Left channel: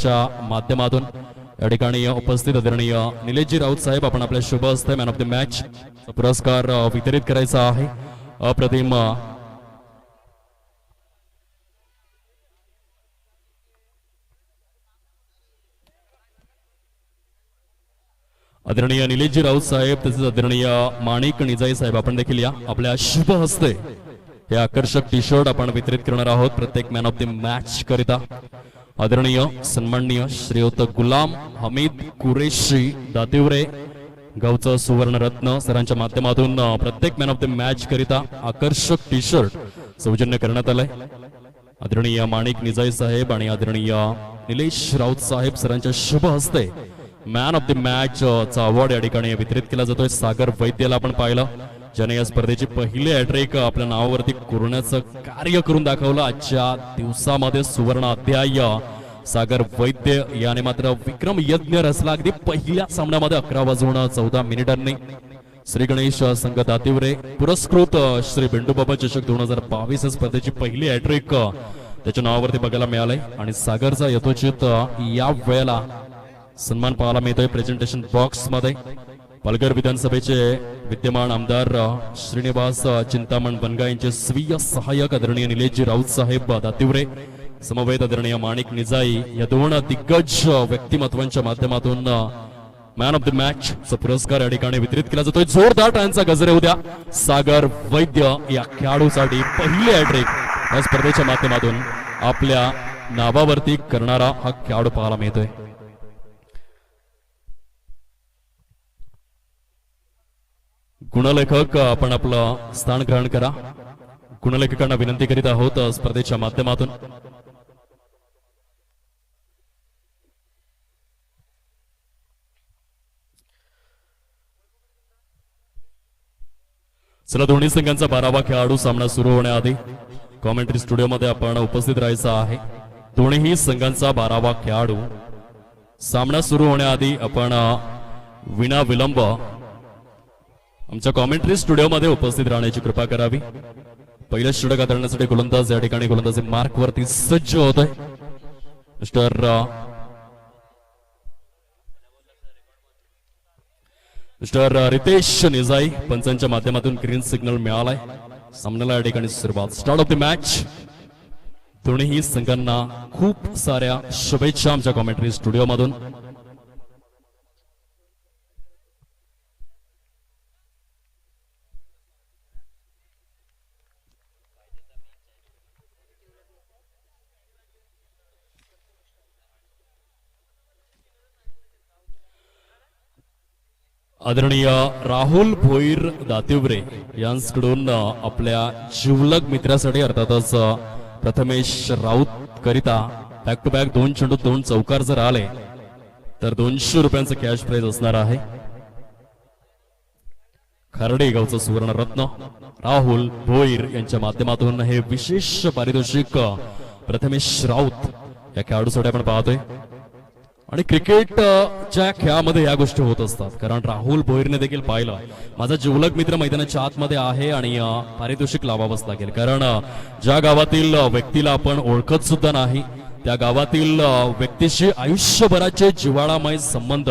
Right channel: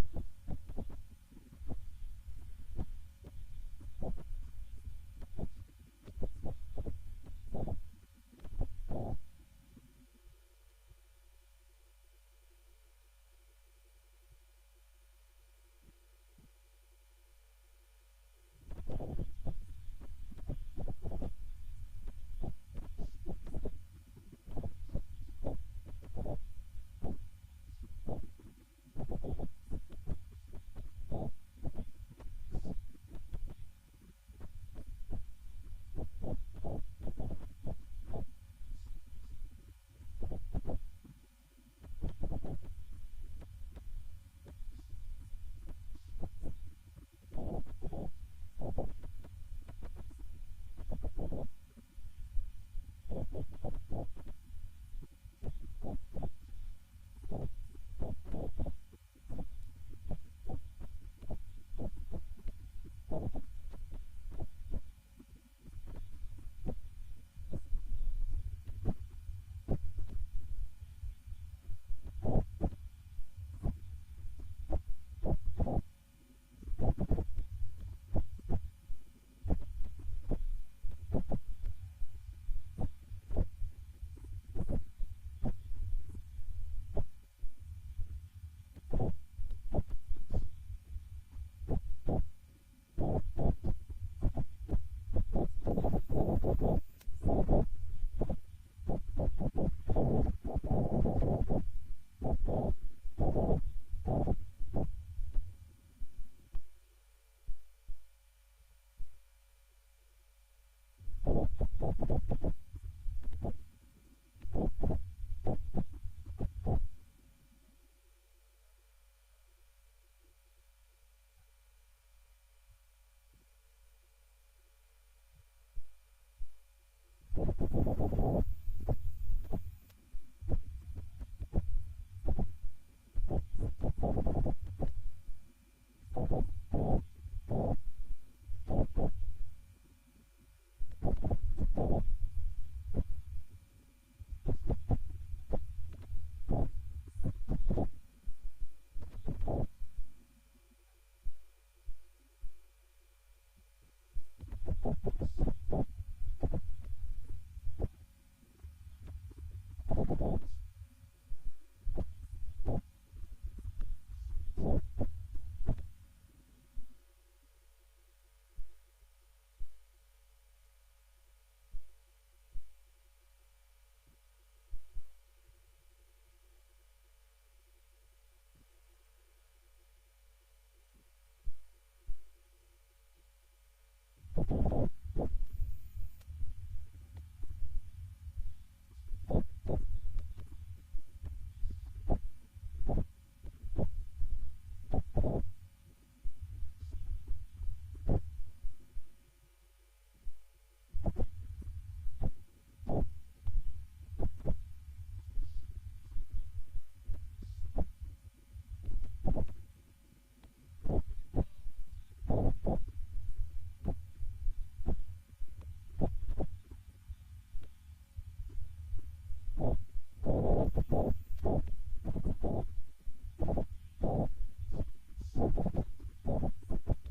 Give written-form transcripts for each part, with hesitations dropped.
स्पर्धेच्या माध्यमातून या ठिकाणी उपस्थित आदरणीय निलेशजी राऊत साहेब आपण आपल्या शुभ हस्ते मॅन ऑफ द मॅच पुरस्कार वितरित करायचा आहे. अप्रतिम आदरणीय निलेशजी राऊत साहेब तसेच आदरणीय माणिक निजाई साहेब आपण देखील या आपल्या शुभ हस्ते हे आकर्षक टी शर्ट आपण वितरित करणार आहोत प्रत्येक मॅन ऑफ द मॅच करिता. आदरणीय सन्माननीय श्रीयुत गुलाम हमीद कुरेशी दातिवरे गावचं सुवर्णरत्न सरांच्या माध्यमातून प्रत्येक मॅन ऑफ द मॅच करिता आकर्षक टी शर्ट सौजन्य करण्यात आलंय. आदरणीय माणिक निजाई साहेब आणि आदरणीय निलेश राऊत साहेब सरांच्या शुभ हस्ते मॅन ऑफ द मॅच चा अवॉर्ड या ठिकाणी वितरित केला जातोय. सागर वैद्यला आपण पाहिलं ज्याने या स्पर्धेची पहिली हॅट्रिक आपल्या नावावरती करण्याचं कार्य करून दाखवलं. आजच्या दिवसामध्ये सुवर्ण अध्याय सागर वैद्य याने मात्र विक्रम यज्ञ रचला. अगदी पहिल्या सामन्यामध्ये 11:14 श्री गणेश संघ दातिवरे पुरस्कृत श्री बिंडूबाबा चषक 2022 स्पर्धेची पहिली हॅट्रिक त्याच्या नावावरती बघायला मिळालंय आणि सागरचा यथोचित या वेळेला सन्मान पाहायला मिळतोय. प्रेझेंटेशन बॉक्स मध्ये पालघर विधानसभेचे विद्यमान आमदार श्रीनिवास चिंतामण बनगा यांचे स्वीय सहाय्यक आदरणीय निलेशजी राऊत साहेब दातिवरे समवेत आदरणीय माणिक निजाई या दोन दिग्गज व्यक्तिमत्वांच्या माध्यमातून मॅन ऑफ द मॅच चा पुरस्कार या ठिकाणी वितरित केला जातोय. जोरदार टाळ्यांचा गजर होऊ द्या सागर वैद्य या खेळाडूसाठी पहिली हॅट्रिक या स्पर्धेच्या माध्यमातून आपल्या नावावरती करणारा हा खेळाडू पाहायला मिळतोय. गुणलेखक आपण आपलं स्थान ग्रहण करा. गुणलेखकांना विनंती करीत आहोत स्पर्धेच्या माध्यमातून. चला दोन्ही संघांचा 12वा खेळाडू सामना सुरू होण्याआधी कॉमेंट्री स्टुडिओमध्ये आपण उपस्थित राहायचं आहे. दोन्ही संघांचा 12वा खेळाडू सामना सुरू होण्याआधी आपण विना विलंब आमच्या कॉमेंट्री स्टुडिओमध्ये उपस्थित राहण्याची कृपा करावी. पहिल्या षटक हाताळण्यासाठी गोलंदाज या ठिकाणी गोलंदाजी मार्क वरती सज्ज होतोय. मिस्टर रितेश निजाई पंचांच्या माध्यमातून ग्रीन सिग्नल मिळालाय. सामन्याला या ठिकाणी सुरुवात. Start of the match. दोन्ही संघांना खूप साऱ्या शुभेच्छा आमच्या कॉमेंट्री स्टुडिओमधून. आदरणीय राहुल भोईर दातिवरे यांच्याकडून आपल्या जिवलग मित्रासाठी अर्थातच प्रथमेश राऊत करिता बॅक टू बॅक 2 चेंडू 2 चौकार जर आले तर 200 रुपयांचं कॅश प्राइज असणार आहे. खार्डे गावचं सुवर्ण रत्न राहुल भोईर यांच्या माध्यमातून हे विशेष पारितोषिक प्रथमेश राऊत या खेळाडूसाठी आपण पाहतोय. आणि क्रिकेटच्या खेळामध्ये या गोष्टी होत असतात कारण राहुल भोईरने देखील पाहिलं माझा जिवलग मित्र मैदानाच्या आतमध्ये आहे आणि पारितोषिक लावावंच लागेल कारण ज्या गावातील व्यक्तीला आपण ओळखत सुद्धा नाही त्या गावातील व्यक्तीशी आयुष्यभराचे जिव्हाळामय संबंध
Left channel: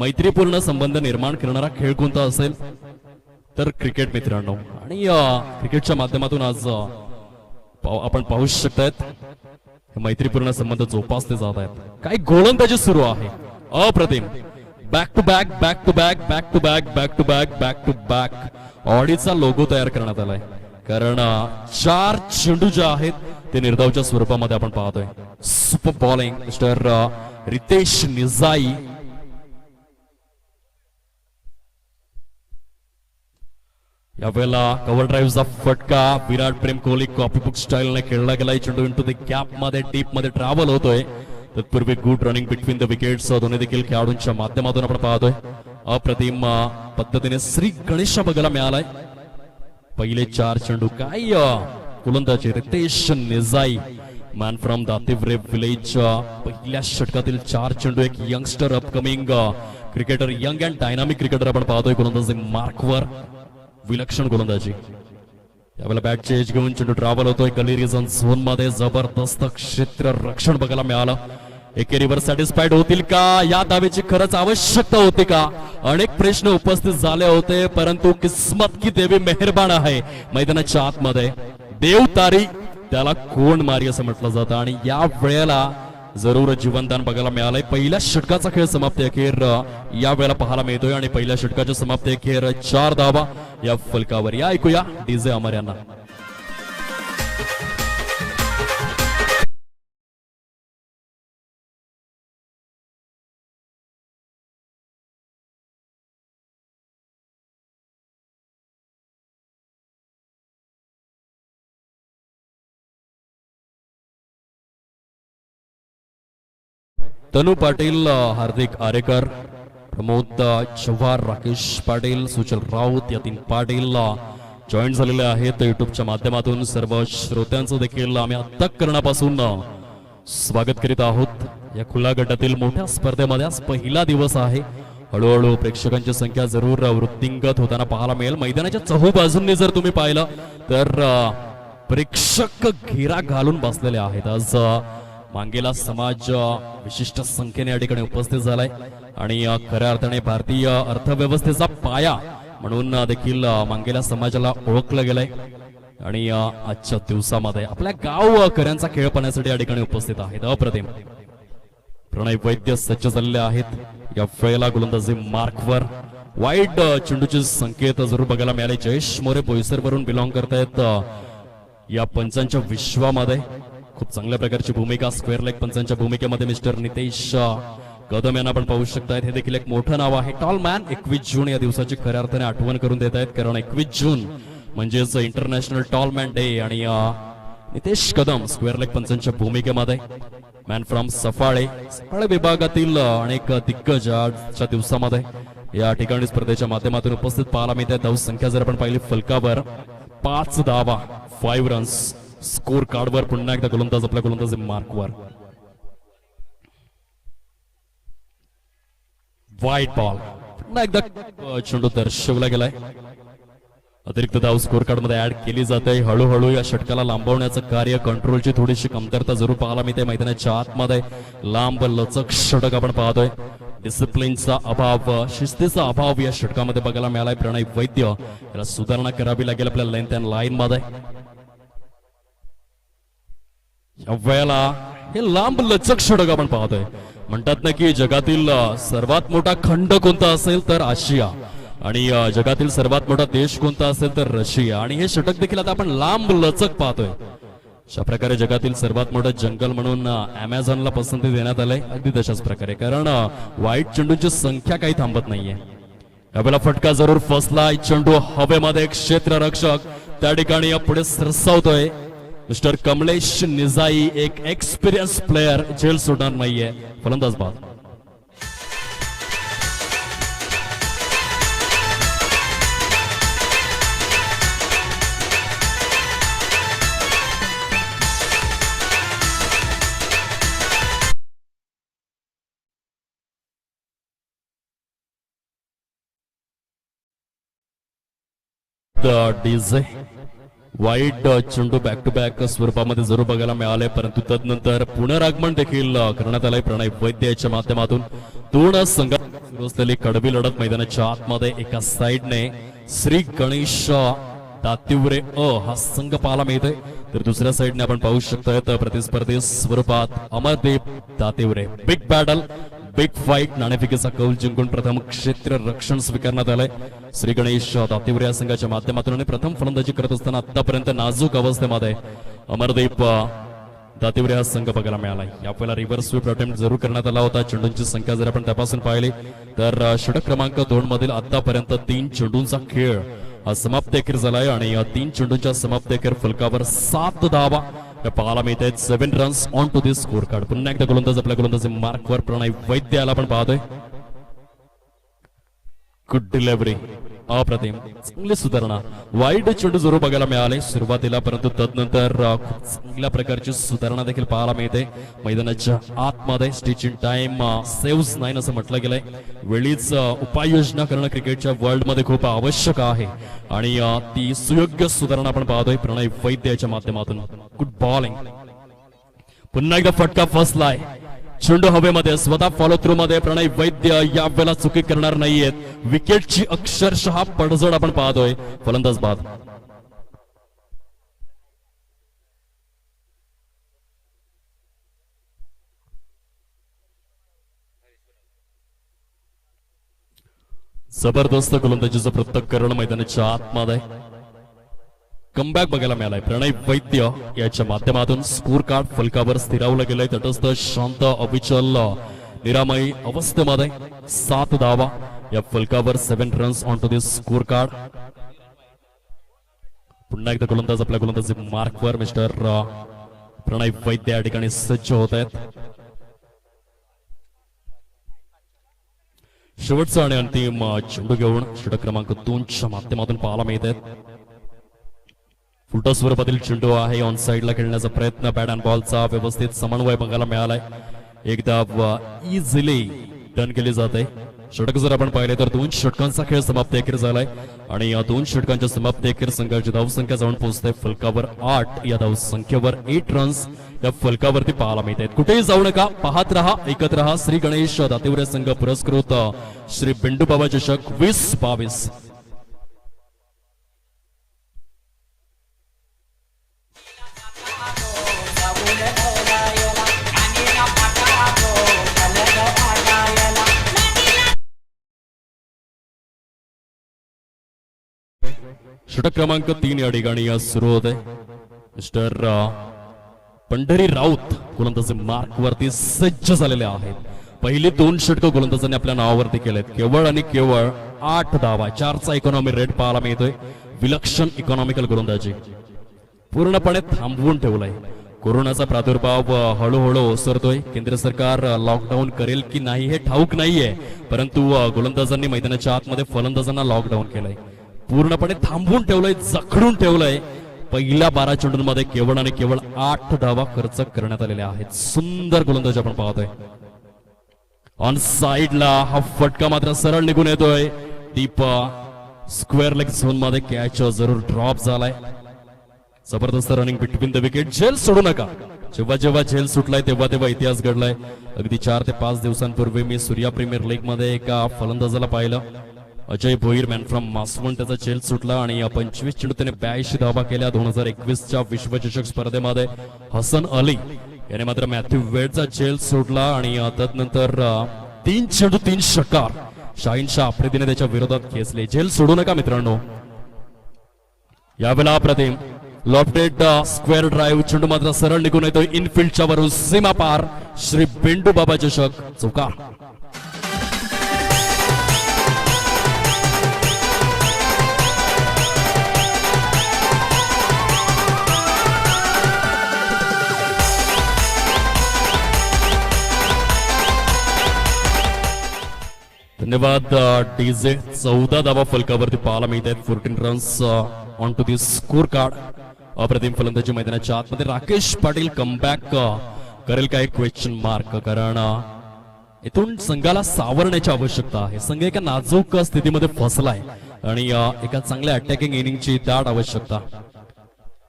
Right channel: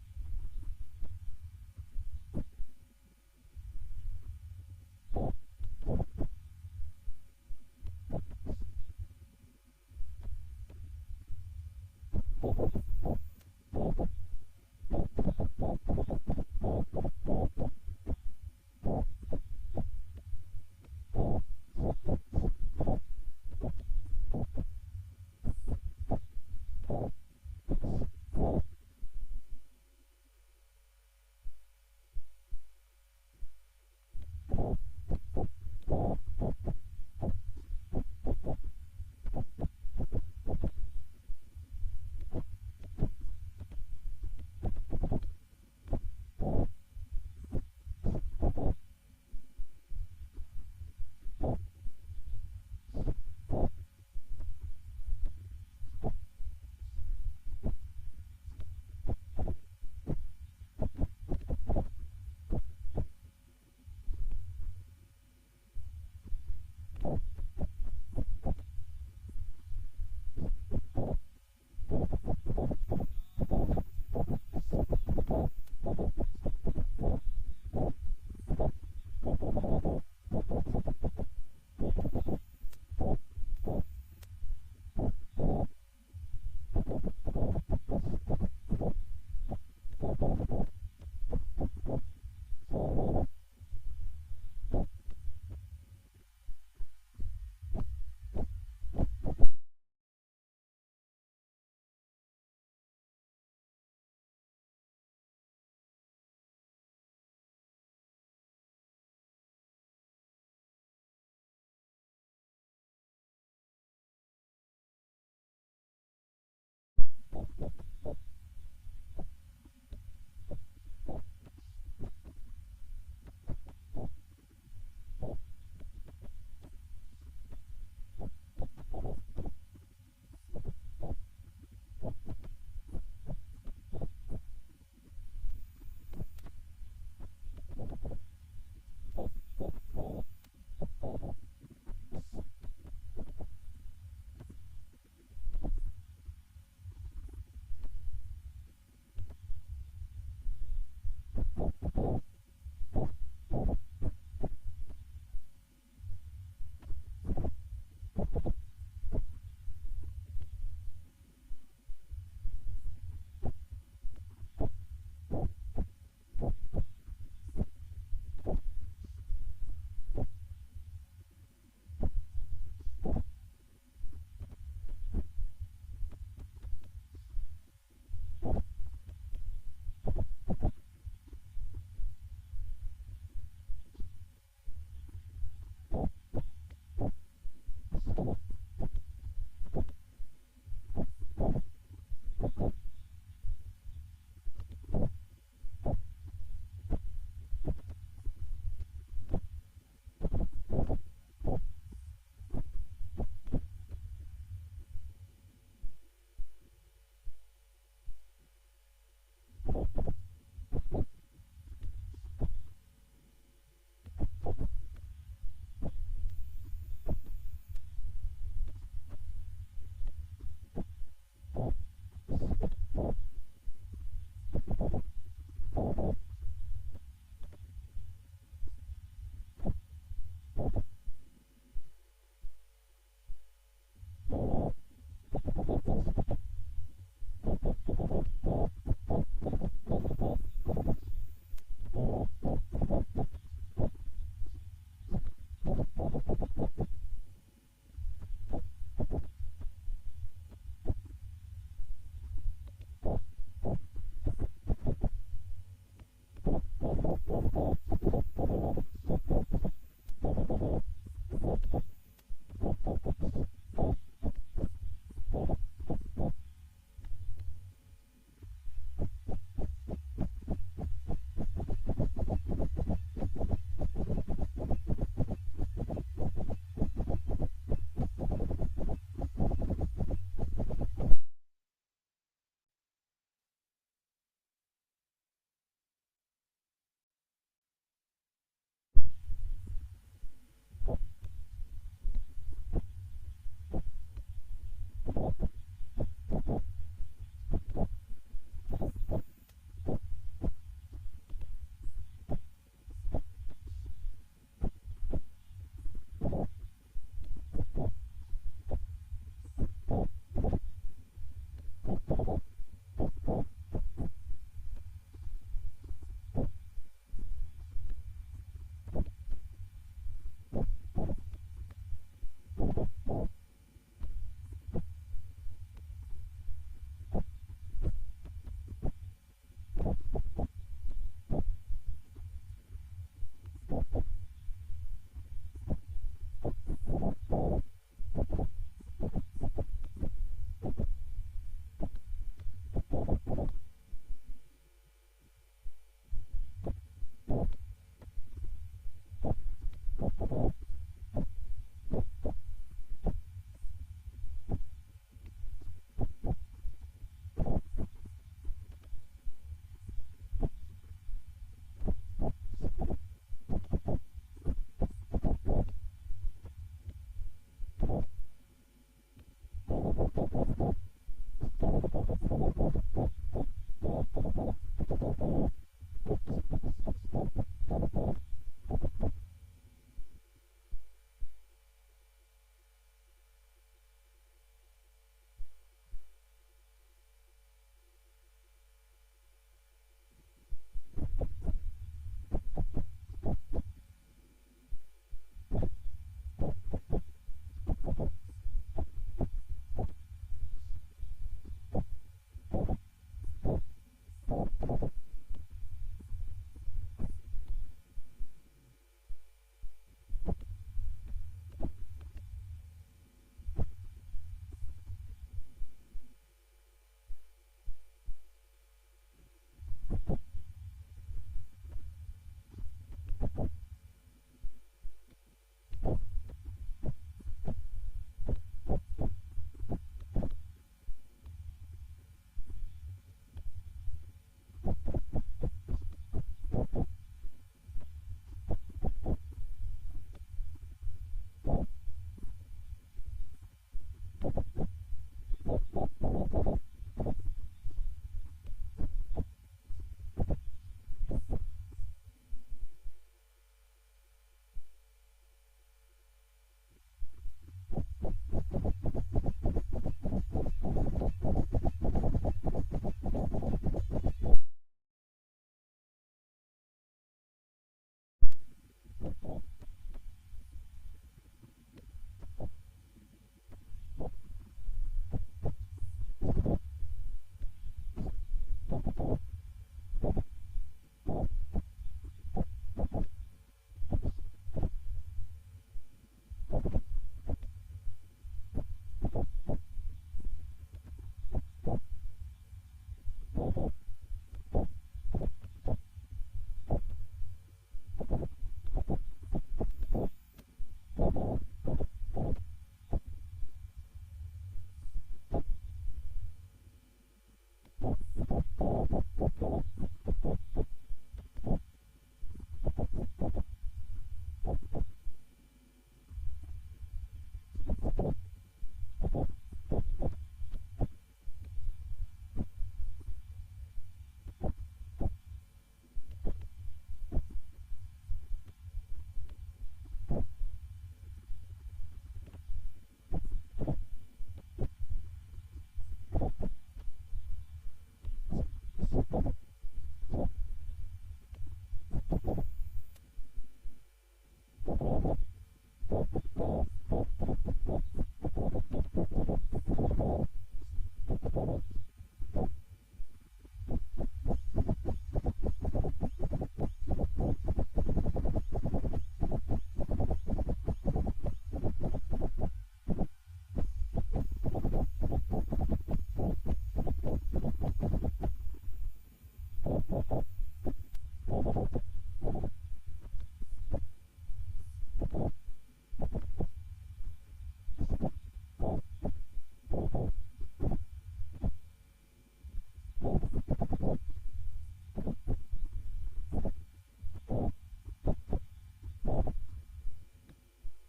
मैत्रीपूर्ण संबंध निर्माण करणारा खेळ कोणता असेल तर क्रिकेट मित्रांनो. आणि क्रिकेटच्या माध्यमातून आज आपण पाहू शकतायत मैत्रीपूर्ण संबंध जोपासले जात आहेत. काही गोलंदाजी सुरू आहे अप्रतिम. Back to back back to back back to back back to back back to back ऑडीचा लोगो तयार करण्यात आलाय कारण 4 चेंडू जे आहेत ते निर्धावच्या स्वरूपामध्ये आपण पाहतोय. Super bowling mister Ritesh Nijai. यावेळेला कव्हर ड्राईव्हचा फटका विराट प्रेम कोहली कॉपीबुक स्टाईलने खेळला गेला. चेंडू इंटू द कॅप मध्ये टीप मध्ये ट्रॅव्हल होतोय. तत्पूर्वी good running between the wickets दोन्ही देखील खेळाडूंच्या माध्यमातून आपण पाहतोय. अप्रतिम पद्धतीने श्री गणेश बघायला मिळालाय. पहिले 4 चेंडू काय गोलंदाजी Riteish निजाई man from Dativare village. पहिल्या षटकातील 4 चेंडू एक youngster upcoming cricketer young and dynamic cricketer आपण पाहतोय गोलंदाजी मार्कवर. विलक्षण गोलंदाजी. यावेळेला बॅटचे एज घेऊन चेंडू ट्रॅव्हल होतोय गली रिजन झोन मध्ये. जबरदस्त क्षेत्र रक्षण बघायला मिळालं. एकेरीवर सॅटिस्फाईड होतील का? या दाव्याची खरंच आवश्यकता होती का? अनेक प्रश्न उपस्थित झाले होते, परंतु किस्मत की देवी मेहरबान आहे. मैदानाच्या आतमध्ये देव तारी त्याला कोण मारी असं म्हटलं जातं आणि या वेळेला जरूर जीवनदान बघायला मिळालंय. पहिल्या षटकाचा खेळ समाप्ती अखेर या वेळेला पाहायला मिळतोय आणि पहिल्या षटकाच्या समाप्ती अखेर 4 धावा या फलकावर. या ऐकूया डीजे अमर यांना. तनु पाटील, हार्दिक आरेकर, प्रमोद चव्हाण, राकेश पाटील, सुचल राऊत या 3 पाटील जॉईन झालेले आहेत युट्यूबच्या माध्यमातून. सर्व श्रोत्यांचं देखील आम्ही अंतःकरणापासून स्वागत करीत आहोत. या खुल्या गटातील मोठ्या स्पर्धेमध्ये आज पहिला दिवस आहे. हळूहळू प्रेक्षकांची संख्या जरूर वृद्धिंगत होताना पाहायला मिळेल. मैदानाच्या चहूबाजूंनी जर तुम्ही पाहिलं तर प्रेक्षक घेरा घालून बसलेले आहेत. आज मांगेला समाज विशिष्ट संख्येने या ठिकाणी उपस्थित झालाय आणि खऱ्या अर्थाने भारतीय अर्थव्यवस्थेचा पाया म्हणून देखील मांगेला समाजाला ओळखलं गेलंय. आणि आजच्या दिवसामध्ये आपल्या गावकऱ्यांचा खेळ पाहण्यासाठी या ठिकाणी उपस्थित आहेत. अप्रतिम प्रणय वैद्य सज्ज झालेले आहेत. या वेळेला गोलंदाजी मार्कवर. वाईट चेंडूचे संकेत जरूर बघायला मिळाले. जयेश मोरे बोईसर वरून बिलॉंग करतायत या पंचांच्या विश्वामध्ये. खूप चांगल्या प्रकारची भूमिका स्क्वेअर लेग पंचांच्या भूमिकेमध्ये मिस्टर नितेश कदम यांना आपण पाहू शकतायत. हे देखील एक मोठं नाव आहे. टॉल मॅन 21 जून या दिवसाची खऱ्या अर्थाने आठवण करून देत आहेत, कारण 21 जून म्हणजेच इंटरनॅशनल टॉल मॅन डे. आणि नितेश कदम स्क्वेअर लेग पंचांच्या भूमिकेमध्ये. मॅन फ्रॉम सफाळे विभागातील अनेक दिग्गज आजच्या दिवसामध्ये या ठिकाणी स्पर्धेच्या माध्यमातून उपस्थित पाहायला मिळते. धाव संख्या जर आपण पाहिली फलकावर 5 धावा 5 रन्स. स्कोर कार्डवर पुन्हा एकदा गोलंदाज आपल्या गोलंदाजी मार्कवर. व्हाईट बॉल पुन्हा एकदा चेंडू दर्शवला गेलाय. अतिरिक्त धाव स्कोर कार्ड मध्ये ऍड केली जाते. हळूहळू या षटकाला लांबवण्याचं कार्य कंट्रोलची थोडीशी कमतरता जरूर पाहायला मिळते. मैदानाच्या आतमध्ये लांब लचक षटक आपण पाहतोय. डिसिप्लिनचा अभाव, शिस्तीचा अभाव या षटकामध्ये बघायला मिळालाय. प्रणय वैद्य याला सुधारणा करावी लागेल आपल्या लेंथ अँड लाईन मध्ये. या वेळेला हे लांब लचक षटक आपण पाहतोय. म्हणतात ना की जगातील सर्वात मोठा खंड कोणता असेल तर आशिया आणि जगातील सर्वात मोठा देश कोणता असेल तर रशिया. आणि हे षटक देखील आता आपण लांब लचक पाहतोय. अशा प्रकारे जगातील सर्वात मोठं जंगल म्हणून अमेझॉनला पसंती देण्यात आलंय. अगदी तशाच प्रकारे, कारण वाईट चेंडूंची संख्या काही थांबत नाहीये. यावेळेला फटका जरूर फसलाय. चेंडू हवेमध्ये क्षेत्ररक्षक त्या ठिकाणी पुढे सरसावतोय. मिस्टर कमलेश निजाई एक एक्सपिरियन्स प्लेयर झेल सोडणार नाहीये. फलंदाज बाद. डीजे वाईट चेंडू बॅक टू बॅक स्वरूपामध्ये जरूर बघायला मिळाले, परंतु तदनंतर पुनरागमन देखील करण्यात आलंय प्रणय वैद्य याच्या माध्यमातून. 2 संघात सुरू असलेली कडवी लढत मैदानाच्या आतमध्ये एका साइडने श्री गणेश दातिवरे हा संघ पाहायला मिळतोय, तर दुसऱ्या साइडने आपण पाहू शकतोय प्रतिस्पर्धी स्वरूपात Amardeep Dativare. Big battle, big fight. नाणेफेकीचा कौल जिंकून प्रथम क्षेत्र रक्षण स्वीकारण्यात आलंय श्री गणेश दातिवरे या संघाच्या माध्यमातून. आणि प्रथम फलंदाजी करत असताना आतापर्यंत नाजूक अवस्थेमध्ये अमरदीप दातिवरे हा संघ बघायला मिळालाय. यावेळेला रिव्हर्स स्वीप अटेम्प्ट जरूर करण्यात आला होता. चेंडूंची संख्या जर आपण तपासून पाहिली तर षटक क्रमांक 2 मधील आतापर्यंत 3 चेंडूंचा खेळ हा समाप्ती अखेर झालाय आणि 3 चेंडूंच्या समाप्ती अखेर फलकावर 7 धावा पाहायला मिळत आहेत. 7 runs on to this score card. पुन्हा एकदा गोलंदाज आपल्या गोलंदाजी मार्कवर प्रणय वैद्य याला आपण पाहतोय. गुड डिलिव्हरी, अप्रतिम, चांगली सुधारणा. वाईट चेंडू जरूर बघायला मिळाले सुरुवातीला, परंतु तदनंतर खूप चांगल्या प्रकारची सुधारणा देखील पाहायला मिळते. मैदानाच्या आतमध्ये स्टिच इन टाइम सेव्स 9 असं म्हटलं गेलंय. वेळीच उपाययोजना करणं क्रिकेटच्या वर्ल्ड मध्ये खूप आवश्यक आहे आणि ती सुयोग्य सुधारणा आपण पाहतोय प्रणय वैद्य याच्या माध्यमातून. Good bowling. पुन्हा एकदा फटका फसलाय. चेंडू हवेमध्ये स्वतः फॉलो थ्रू मध्ये प्रणय वैद्य या वेळेला चुकी करणार नाहीयेत. विकेटची अक्षरशः पडझड आपण पाहतोय. फलंदाज बाद. जबरदस्त गोलंदाजीचं पृथक्करण मैदानाच्या आतमध्ये कमबॅक बघायला मिळालाय. प्रणय वैद्य याच्या माध्यमातून स्कोर कार्ड फलकावर स्थिरावलं गेलंय. तटस्थ शांत अविचल निरामयी अवस्थेमध्ये 7 धावा या फलकावर 7 runs on to this score card. पुन्हा एकदा गोलंदाज आपल्या गोलंदाजी मार्कवर मिस्टर प्रणय वैद्य या ठिकाणी सज्ज होत आहेत. शेवटचा आणि अंतिम चेंडू घेऊन षटक क्रमांक 2च्या माध्यमातून पाहायला मिळत आहेत. उलटा स्वरूपातील चेंडू आहे. ऑन साइडला खेळण्याचा प्रयत्न. बॅट अँड बॉलचा व्यवस्थित समन्वय बघायला मिळालाय. एकदा इझिली डन केली जाते. षटक जर आपण पाहिले तर 2 षटकांचा खेळ समाप्ती अखेर झालाय आणि या 2 षटकांच्या समाप्ती अखेर संघाची धावसंख्या जाऊन पोहोचते फलकावर 8. या धावसंख्येवर 8 रन्स या फलकावरती पाहायला मिळत आहेत. कुठेही जाऊ नका, पाहत रहा, ऐकत रहा. श्री गणेश दातिवरे संघ पुरस्कृत श्री बिंडूबाबा चषक 2022. षटक क्रमांक 3 या ठिकाणी सुरू होते. मिस्टर पंढरी राऊत गोलंदाजी मार्क वरती सज्ज झालेले आहेत. पहिली 2 षटकं गोलंदाजांनी आपल्या नावावरती केलेत. केवळ आणि केवळ 8 धावा, 4चा इकॉनॉमी रेट पाहायला मिळतोय. विलक्षण इकॉनॉमिकल गोलंदाजी पूर्णपणे थांबवून ठेवलाय. कोरोनाचा प्रादुर्भाव हळूहळू ओसरतोय. केंद्र सरकार लॉकडाऊन करेल की नाही हे ठाऊक नाहीये, परंतु गोलंदाजांनी मैदानाच्या आतमध्ये फलंदाजांना लॉकडाऊन केलंय. पूर्णपणे थांबवून ठेवलंय, जखडून ठेवलंय. पहिल्या 12 चेंडूंमध्ये केवळ आणि केवळ 8 धावा खर्च करण्यात आलेल्या आहेत. सुंदर गोलंदाजी आपण पाहतोय. ऑन साइडला हा फटका मात्र सरळ निघून येतोय. डीप स्क्वेअर लेग झोन मध्ये कॅच जरूर ड्रॉप झालाय. जबरदस्त रनिंग बिटवीन द विकेट. झेल सोडू नका. जेव्हा जेव्हा झेल सुटलाय तेव्हा तेव्हा इतिहास घडलाय. अगदी 4 ते 5 दिवसांपूर्वी मी सूर्या प्रीमियर लीग मध्ये एका फलंदाजाला पाहिलं. Ajay Bhoir, man from Maswan. त्याचा झेल सुटला आणि 25 चेंडू त्याने 82 धावा केल्या. 2021च्या विश्वचषक स्पर्धेमध्ये हसन अली याने मात्र मॅथ्यू वेडचा झेल सोडला आणि तदनंतर 3 चेंडू 3 षटकार शाहीन शाह आफ्रिदीने त्याच्या विरोधात खेचले. झेल सोडू नका मित्रांनो. यावेळेला अप्रतिम लॉफ्टेड स्क्वेअर ड्राईव्ह. चेंडू मात्र सरळ निघून येतोय इनफिल्डच्या वरून सीमा पार. श्री बिंडू बाबा चषक चौकार. धन्यवाद डीजे. 14 धावा फलकावरती पाहायला मिळत आहेत. 14 runs on to this score card. अप्रतिम फलंदाजी मैदानाच्या आतमध्ये. राकेश पाटील कमबॅक करेल काय क्वेश्चन मार्क. कारण इथून संघाला सावरण्याची आवश्यकता आहे. संघ एका नाजूक स्थितीमध्ये फसलाय आणि एका चांगल्या अटॅकिंग इनिंगची दाट आवश्यकता.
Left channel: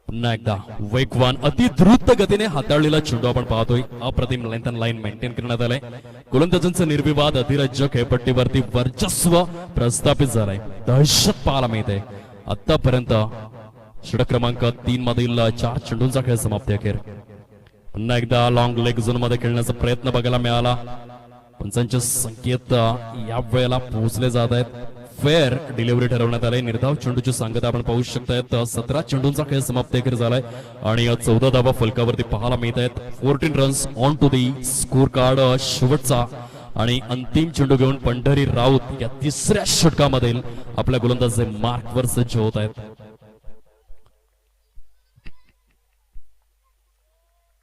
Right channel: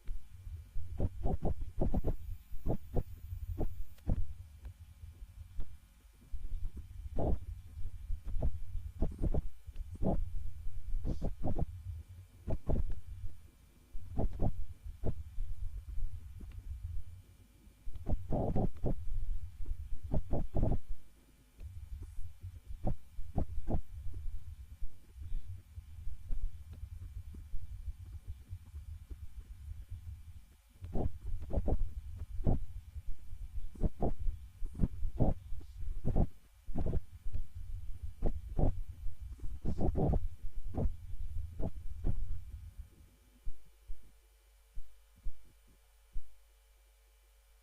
पुन्हा एकदा वेगवान अति द्रुत गतीने हाताळलेला चेंडू आपण पाहतोय. अप्रतिम लेंथ अँड लाईन मेंटेन करण्यात आलंय. गोलंदाजांचं निर्विवाद अधिराज्य खेळपट्टीवरती वर्चस्व प्रस्थापित झालंय. दहशत पाहायला मिळते. आतापर्यंत षटक क्रमांक 3 मधील 4 चेंडूंचा खेळ समाप्ती अखेर. पुन्हा एकदा लॉंग लेग झोन मध्ये खेळण्याचा प्रयत्न बघायला मिळाला. पंचांचे संकेत या वेळेला पोहोचले जात आहेत. फेअर डिलिव्हरी ठरवण्यात आले. निर्धाव चेंडूची सांगता आपण पाहू शकतायत. 17 चेंडूंचा खेळ समाप्ती अखेर झालाय आणि 14 धावा फलकावरती पाहायला मिळत आहेत. 14 runs on to the score card. शेवटचा आणि अंतिम चेंडू घेऊन पंढरी राऊत या 3ऱ्या षटकामधील आपल्या गोलंदाज मार्कवर सज्ज होत आहेत.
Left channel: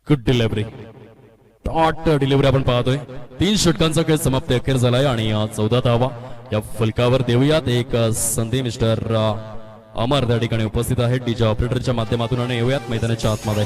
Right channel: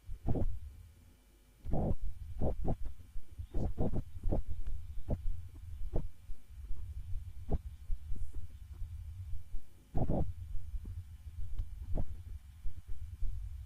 Good delivery. टॉट डिलिव्हरी आपण पाहतोय. 3 षटकांचा खेळ समाप्ती अखेर झालाय आणि 14 धावा या फलकावर देऊयात. एक संधी मिस्टर अमर त्या ठिकाणी उपस्थित आहेत डीजे ऑपरेटरच्या माध्यमातून आणि येऊयात मैदानाच्या आतमध्ये.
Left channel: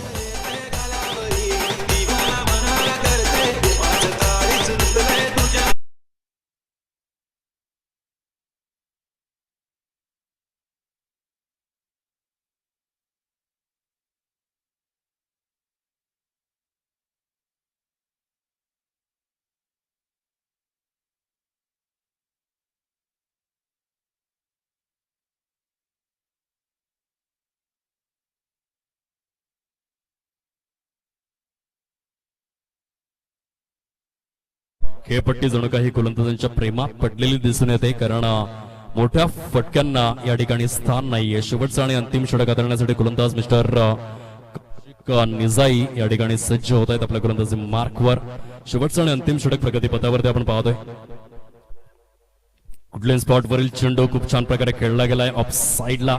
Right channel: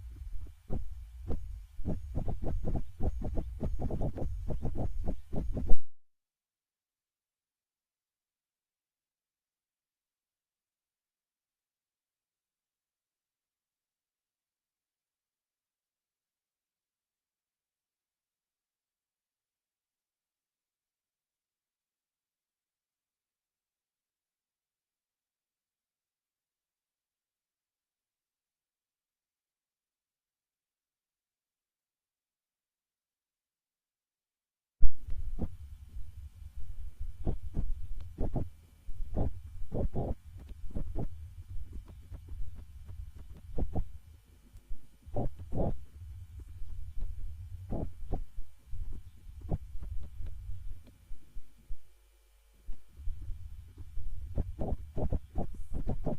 खेळपट्टी जणू काही गोलंदाजांच्या प्रेमात पडलेली दिसून येते, कारण मोठ्या फटक्यांना या ठिकाणी स्थान नाहीये. शेवटचा आणि अंतिम षटक हाताळण्यासाठी गोलंदाज मिस्टर निजाई या ठिकाणी सज्ज होत आहेत आपल्या गोलंदाजी मार्कवर. शेवटचा आणि अंतिम षटक प्रगतीपथावरती आपण पाहतोय. कुठल्या स्पॉटवरील चेंडू खूप छान प्रकारे खेळला गेलाय ऑफ साइडला.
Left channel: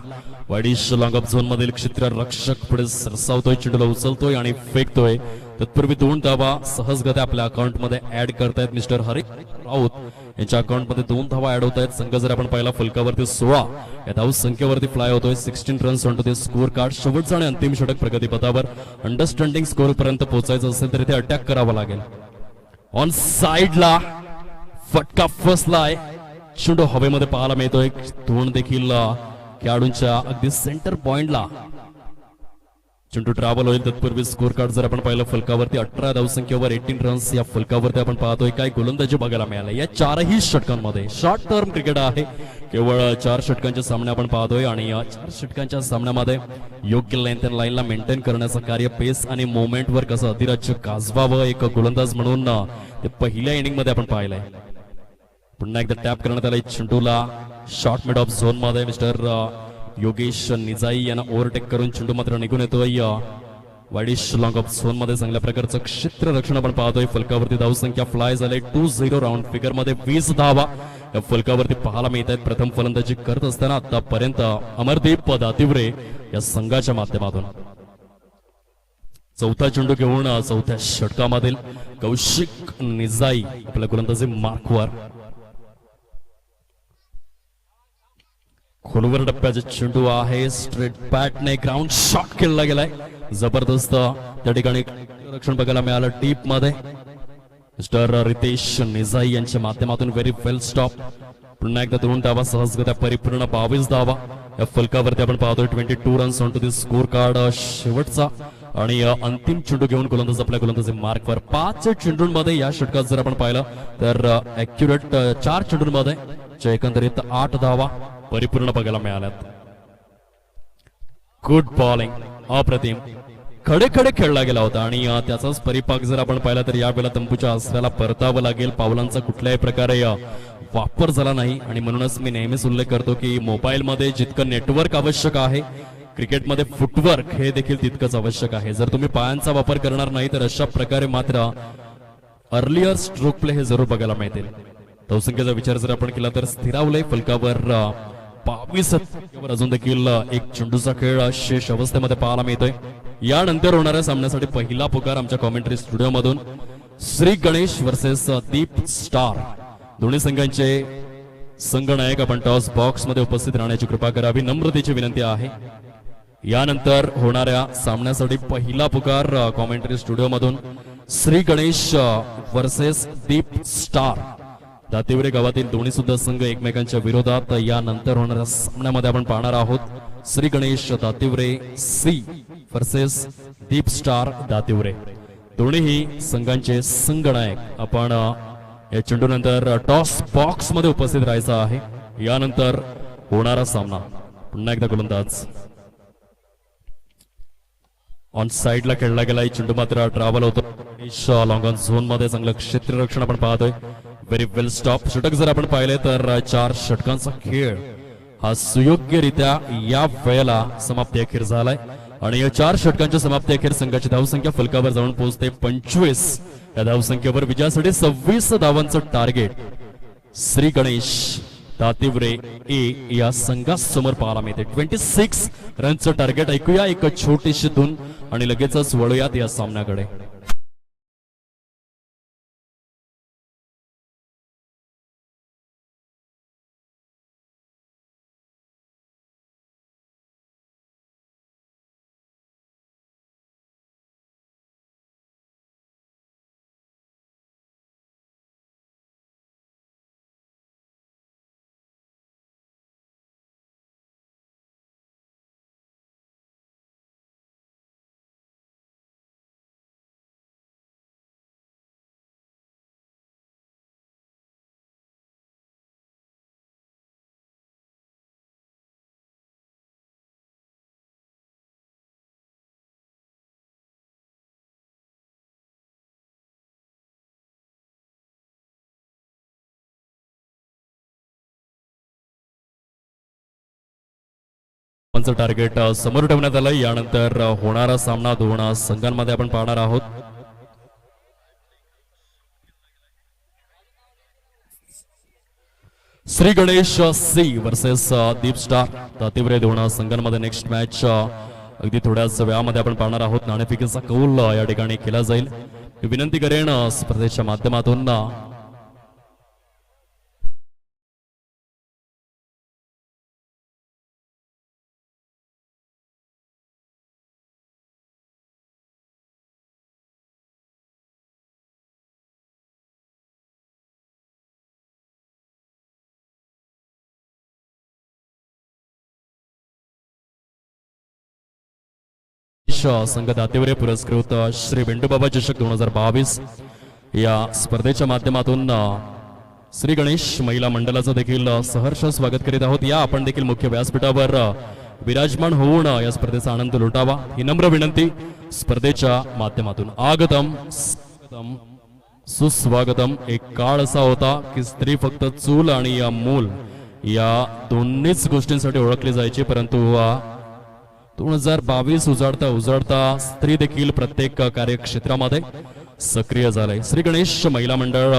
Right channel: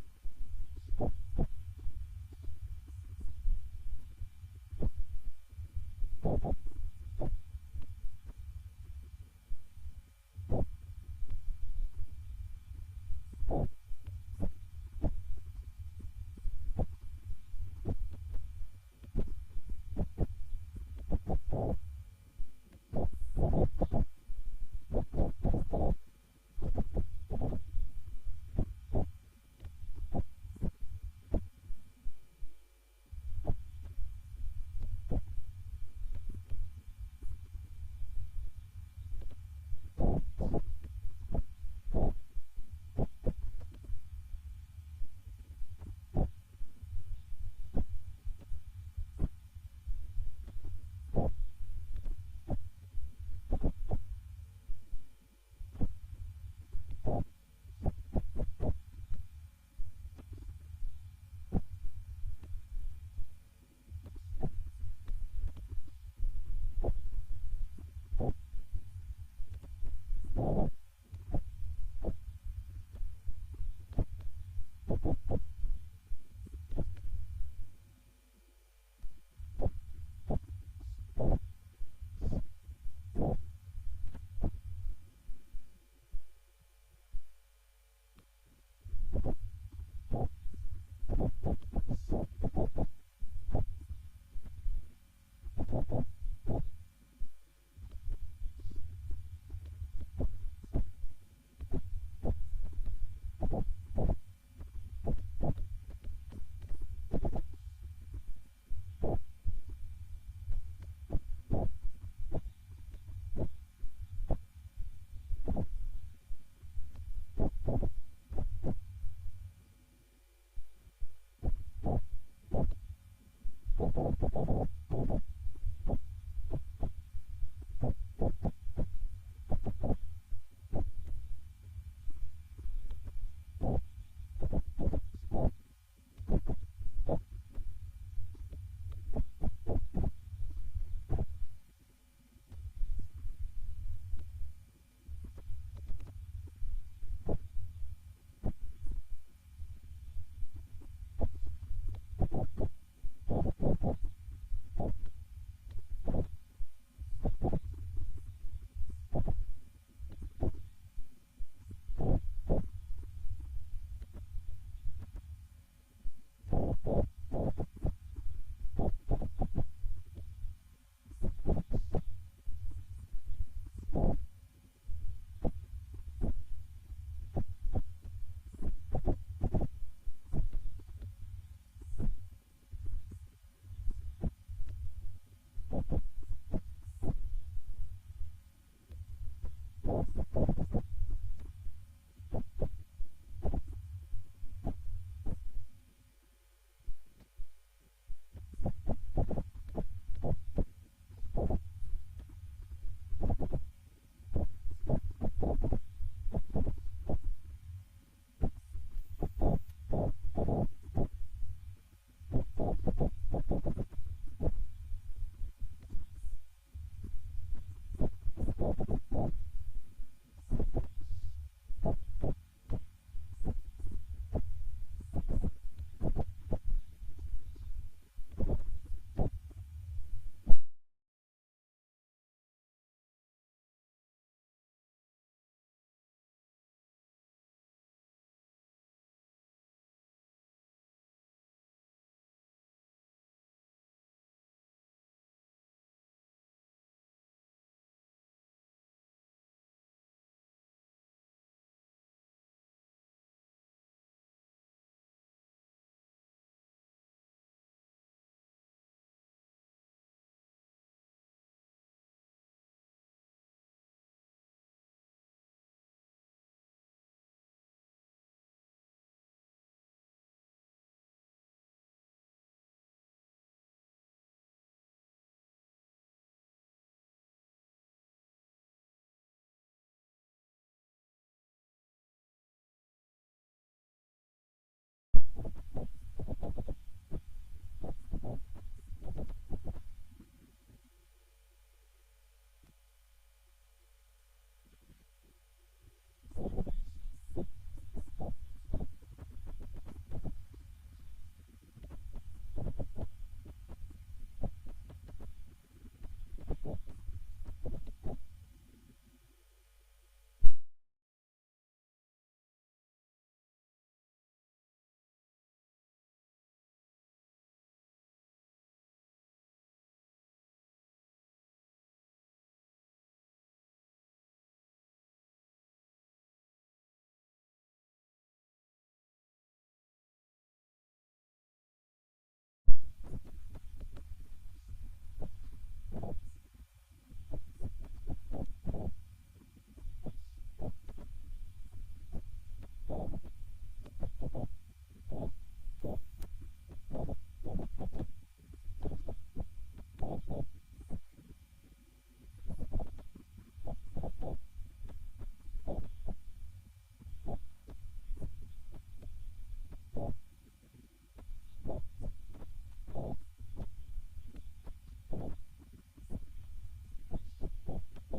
वाईडिश लॉंग ऑफ झोन मधील क्षेत्ररक्षक पुढे सरसावतोय, चेंडूला उचलतोय आणि फेकतोय. तत्पूर्वी 2 धावा सहजगत्या आपल्या अकाउंट मध्ये ऍड करतायत मिस्टर हरी राऊत. यांच्या अकाउंट मध्ये 2 धावा ऍड होत आहेत. संघ जर आपण पाहिला फलकावरती 16 या धाव संख्येवरती फ्लाय होतोय. 16 runs on to the score card. शेवटचा आणि अंतिम षटक प्रगतीपथावर. अंडरस्टँडिंग स्कोर पर्यंत पोहोचायचं असेल तर इथे अटॅक करावा लागेल. ऑन साइडला फटका फसलाय, चेंडू हवेमध्ये पाहायला मिळतोय. धोण देखील खेळाडूंच्या अगदी सेंटर पॉइंटला चेंडू ट्रॅव्हल होईल. तत्पूर्वी स्कोर कार्ड जर आपण पाहिलं फलकावरती 18 धावसंख्येवर 18 रन्स या फलकावरती आपण पाहतोय. काय गोलंदाजी बघायला मिळाले या 4ही षटकांमध्ये. शॉर्ट टर्म क्रिकेट आहे, केवळ 4 षटकांचे सामने आपण पाहतोय आणि या 4 षटकांच्या सामन्यामध्ये योग्य लेंथ अँड लाईनला मेंटेन करण्याचं कार्य, पेस आणि मोमेंटवर कसं अधिराज्य गाजवावं एक गोलंदाज म्हणून ते पहिल्या इनिंग मध्ये आपण पाहिलंय. पुन्हा एकदा टॅप करण्यात आलाय चेंडूला शॉर्ट मिड ऑफ झोन मध्ये. मिस्टर योगेश निजाई यांना ओव्हरटेक करून चेंडू मात्र निघून येतोय वाईडिश लॉंग ऑफ झोन मध्ये. चांगल्या प्रकारचं क्षेत्ररक्षण आपण पाहतोय. फलकावरती धावसंख्या फ्लाय झाले 2-0 राऊंड फिगर मध्ये 20 धावा या फलकावरती पाहायला मिळत आहेत. प्रथम फलंदाजी करत असताना आतापर्यंत अमरदीप दातिवरे या संघाच्या माध्यमातून. चौथा चेंडू घेऊन चौथ्या षटकामधील कौशिक निजाई आपल्या गोलंदाजी मार्कवर. खोलवर डप्प्याचा चेंडू आहे, स्ट्रेट बॅटने ग्राउंड शॉट खेळला गेलाय. जबरदस्त त्या ठिकाणी रक्षण बघायला मिळालं डीप मध्ये. मिस्टर रितेश निजाई यांच्या माध्यमातून व्हेरी वेल स्टॉप. पुन्हा एकदा 2 धावा सहजगत्या परिपूर्ण 22 धावा या फलकावरती आपण पाहतोय. 22 runs on to the score card. शेवटचा आणि अंतिम चेंडू घेऊन गोलंदाज आपल्या गोलंदाजी मार्कवर. 5 चेंडूंमध्ये या षटकात जर आपण पाहिलं तर अॅक्युरेट 4 चेंडूंमध्ये एकंदरीत 8 धावा परिपूर्ण बघायला मिळाल्यात. गुड बॉलिंग, अप्रतिम. खडे खडे खेळला गेला होता आणि त्याचाच परिपाक जर आपण पाहिला तर यावेळेला तंबूच्या आसऱ्याला परतावं लागेल. पावलांचा कुठल्याही प्रकारे वापर झाला नाही आणि म्हणूनच मी नेहमीच उल्लेख करतो की मोबाईल मध्ये जितकं नेटवर्क आवश्यक आहे, क्रिकेटमध्ये फुटवर्क हे देखील तितकंच आवश्यक आहे. जर तुम्ही पायांचा वापर करणार नाही तर अशा प्रकारे मात्र अर्लियर स्ट्रोक प्ले हे जरूर बघायला मिळतील. धावसंख्येचा विचार जर आपण केला तर स्थिरावलंय फलकावर 22 अजून देखील एक चेंडूचा खेळ शेष अवस्थेमध्ये पाहायला मिळतोय. यानंतर होणाऱ्या सामन्यासाठी पहिला पुकार आमच्या कॉमेंट्री स्टुडिओ मधून श्री गणेश वर्सेस दीप स्टार. दोन्ही संघांचे संघनायक आपण टॉस बॉक्स मध्ये उपस्थित राहण्याची कृपा करावी, नम्रतेची विनंती आहे. यानंतर होणाऱ्या सामन्यासाठी पहिला पुकार कॉमेंट्री स्टुडिओ मधून श्री गणेश वर्सेस दीप स्टार. दातिवरे गावातील दोन्ही सुद्धा संघ एकमेकांच्या विरोधात यानंतर होणाऱ्या सामन्यामध्ये आपण पाहणार आहोत. श्री गणेश दातिवरे सी वर्सेस दीप स्टार दातिवरे. दोन्ही संघांचे संघनायक आपण या चेंडूनंतर टॉस बॉक्स मध्ये उपस्थित राहायचं आहे. यानंतर होणारा सामना. पुन्हा एकदा गोलंदाज ऑन साइडला खेळला गेलाय. चेंडू मात्र ट्रॅव्हल होतो लॉंग ऑन झोन मध्ये. चांगलं क्षेत्ररक्षण आपण पाहतोय. व्हेरी वेल स्टॉप. षटक जर आपण पाहिले तर 4 षटकांचा खेळ हा सुयोग्यरित्या या वेळेला समाप्ती अखेर झालाय आणि या 4 षटकांच्या समाप्ती अखेर संघाची धावसंख्या फलकावर जाऊन पोहोचते 25. या धावसंख्येवर विजयासाठी 26 धावांचं टार्गेट श्री गणेश दातिवरे ए या संघासमोर पाहायला मिळते. 26 रनचं टार्गेट. ऐकूया एक छोटीशी धून आणि लगेचच वळूयात या सामन्याकडे. धावांचं टार्गेट समोर ठेवण्यात आलं. यानंतर होणारा सामना दोन संघांमध्ये आपण पाहणार आहोत. श्री गणेश सी वर्सेस दीप स्टार तातिवरे दोन संघांमध्ये नेक्स्ट मॅच अगदी थोड्याच वेळामध्ये आपण पाहणार आहोत. नाणेफेकीचा कौल या ठिकाणी केला जाईल. विनंती करेन स्पर्धेच्या माध्यमातून संघ दातेवरे पुरस्कृत श्री वेंडूबाबा चषक 2022 या स्पर्धेच्या माध्यमातून श्री गणेश महिला मंडळाचं देखील सहर्ष स्वागत करीत आहोत. या आपण देखील मुख्य व्यासपीठावर विराजमान होऊन या स्पर्धेचा आनंद लुटावा ही नम्र विनंती स्पर्धेच्या माध्यमातून. आगतम सुस्वागतम. एक काळ असा होता की स्त्री फक्त चूल आणि या मूल या दोन्हीच गोष्टींसाठी ओळखली जायची, परंतु 2022 उजाडता स्त्री देखील प्रत्येक कार्यक्षेत्रामध्ये सक्रिय झाले. श्री गणेश महिला मंडळ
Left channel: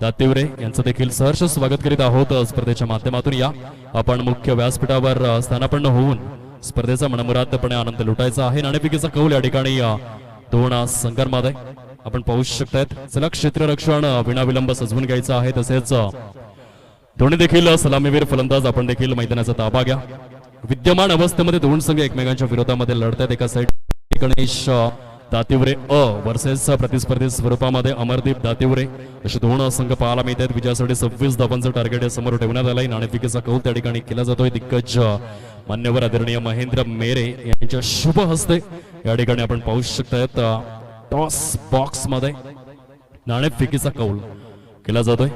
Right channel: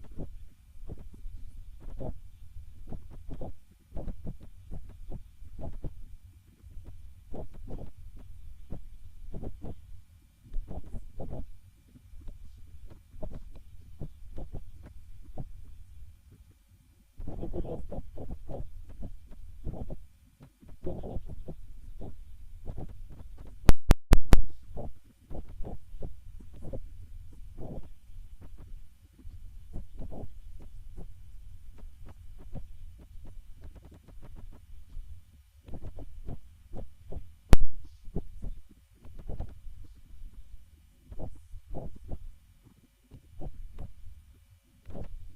दातिवरे यांचं देखील सहर्ष स्वागत करीत आहोत स्पर्धेच्या माध्यमातून. या आपण मुख्य व्यासपीठावर स्थानापन्न होऊन स्पर्धेचा मनमुरादपणे आनंद लुटायचा आहे. नाणेफेकीचा कौल या ठिकाणी दोन संघांमध्ये आपण पाहू शकतायत. चला क्षेत्ररक्षण विनाविलंब सजवून घ्यायचं आहे. तसेच दोन्ही देखील सलामीवीर फलंदाज आपण देखील मैदानाचा ताबा घ्या. विद्यमान अवस्थेमध्ये दोन संघ एकमेकांच्या विरोधामध्ये लढतात. एका साईड गणेश दातिवरे वर्सेस प्रतिस्पर्धी स्वरूपामध्ये अमरदीप दातिवरे असे दोन संघ पाहायला मिळतात. विजयासाठी 26 धावांचं टार्गेट या समोर ठेवण्यात आलंय. नाणेफेकीचा कौल त्या ठिकाणी केला जातोय. दिग्गज मान्यवर आदरणीय महेंद्र मेरे यांच्या शुभ हस्ते या ठिकाणी आपण पाहू शकतायत टॉस बॉक्स मध्ये नाणेफेकीचा कौल केला जातोय.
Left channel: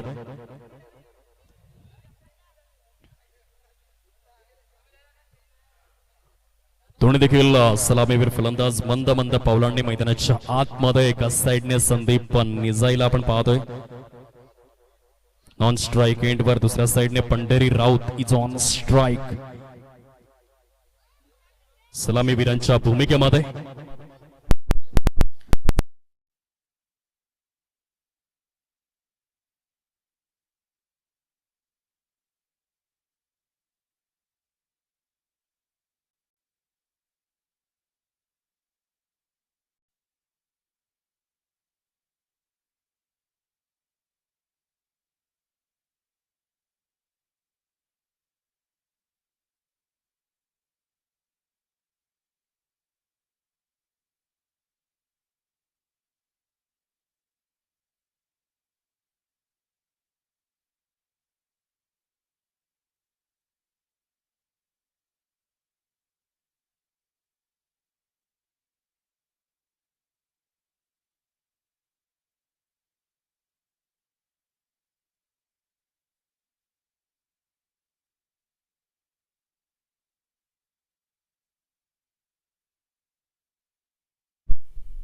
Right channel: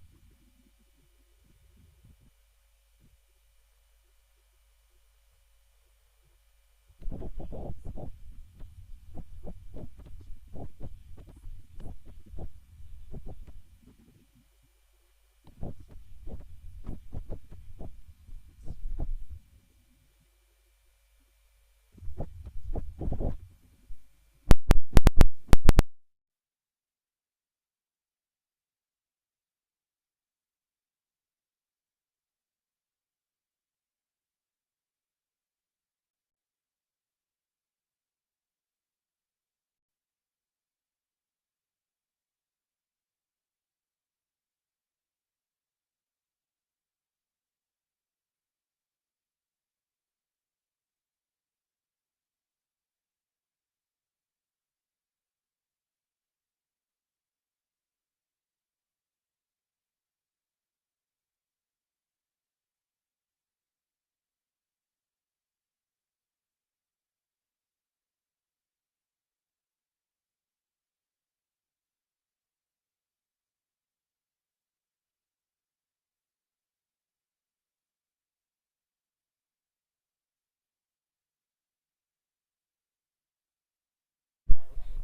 दोन्ही देखील सलामीवीर फलंदाज मंद मंद पावलांनी मैदानाच्या आतमध्ये एका साइडने संदीप निजाईला आपण पाहतोय. नॉन स्ट्राइक एंड वर दुसऱ्या साइडने Pandhari Raut is on strike. सलामीवीरांच्या भूमिकेमध्ये